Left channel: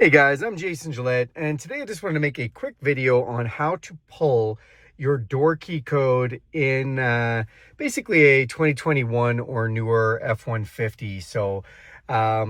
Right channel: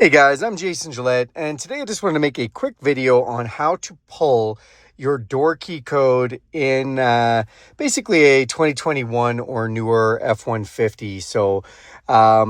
Hey guys, I'm Jason Gillette, and today I just wanted to make a quick video on how to pull your door key code in basically a 2021 or newer F-150. So I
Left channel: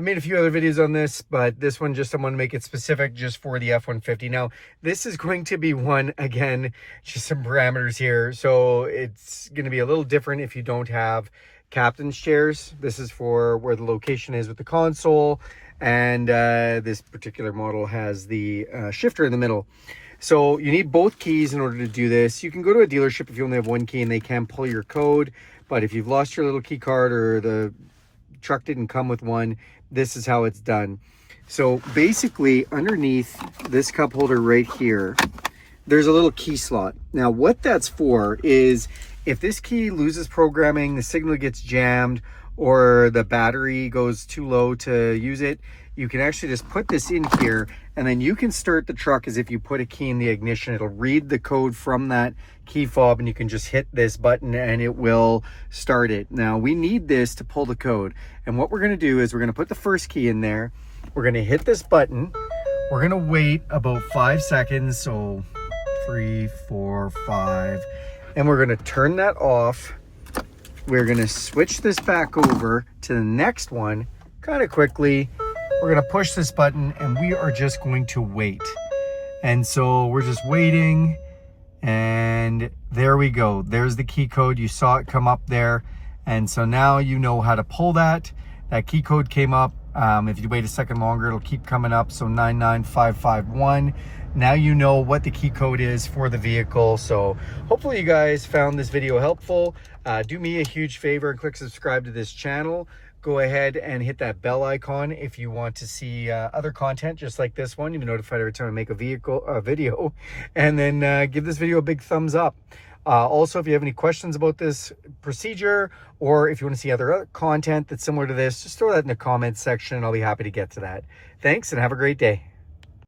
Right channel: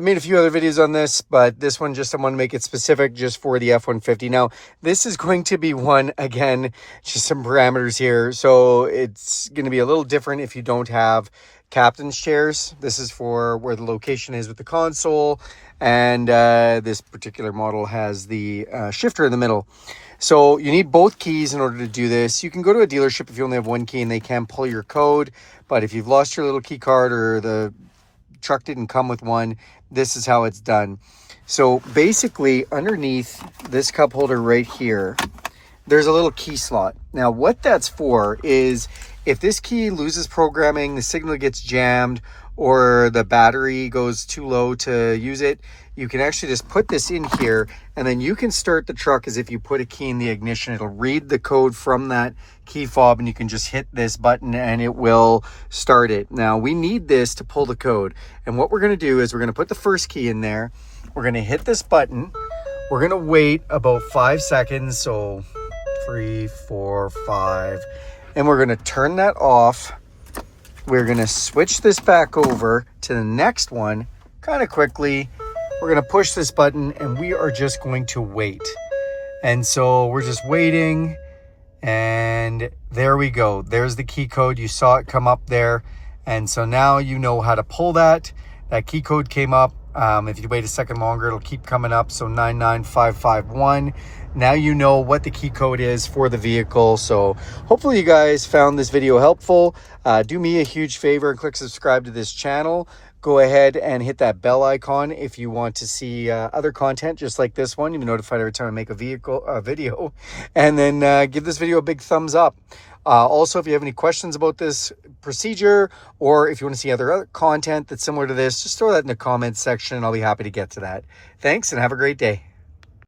made a few other videos on this, but this one I want to make it specific just for the F-150. Now, this is going to be one, again, just some parameters here. So it's going to be a little different if you don't have captain's chairs. This is for where the location is with the console. And this particular model has the shifter in the middle. So you need both keys in order to do this. You can go to a dealership if you only have one key and they can pull your code. But if you've lost your little key card or the truck didn't come with one, this is how it's done. So basically underneath this cup holder right here, there's a little key slot. Now what that's for is if this key loses programming, the signal gets jammed, or the battery goes too low to use it, you can actually just put this in here and then you can start the truck as if you put a key in the ignition. It'll read the code from that key fob and you can just hit this button and it will start it. Now we need this to pull the code, and what we're going to do is we're going to put the first key in there. We're going to hit this button. We're going to wait about 5 seconds, so 3, 4, 5, and we're going to turn that off. We're going to switch this back over to the next one kind of quickly. We're going to push this button and we are just going to wait. And so we're just waiting, and there we go. There's the key code. You saw it come up there. And so now you know how to pull that. That key code came up. If you wait a second longer, it'll keep coming up. So 99551. Now you know what the key code is for the vehicle. So hopefully you guys found this video helpful. Do me a huge favor and click subscribe to this channel. Go ahead and hit that bell icon if you want to see other content just like this one. You'll be notified every time I make a video. And then give this video a big thumbs up. Also, if you have any questions about this procedure, or if you want to see other content that's similar to this, just throw that in the comments section and I'll be happy to get to that. Thanks and have a great day.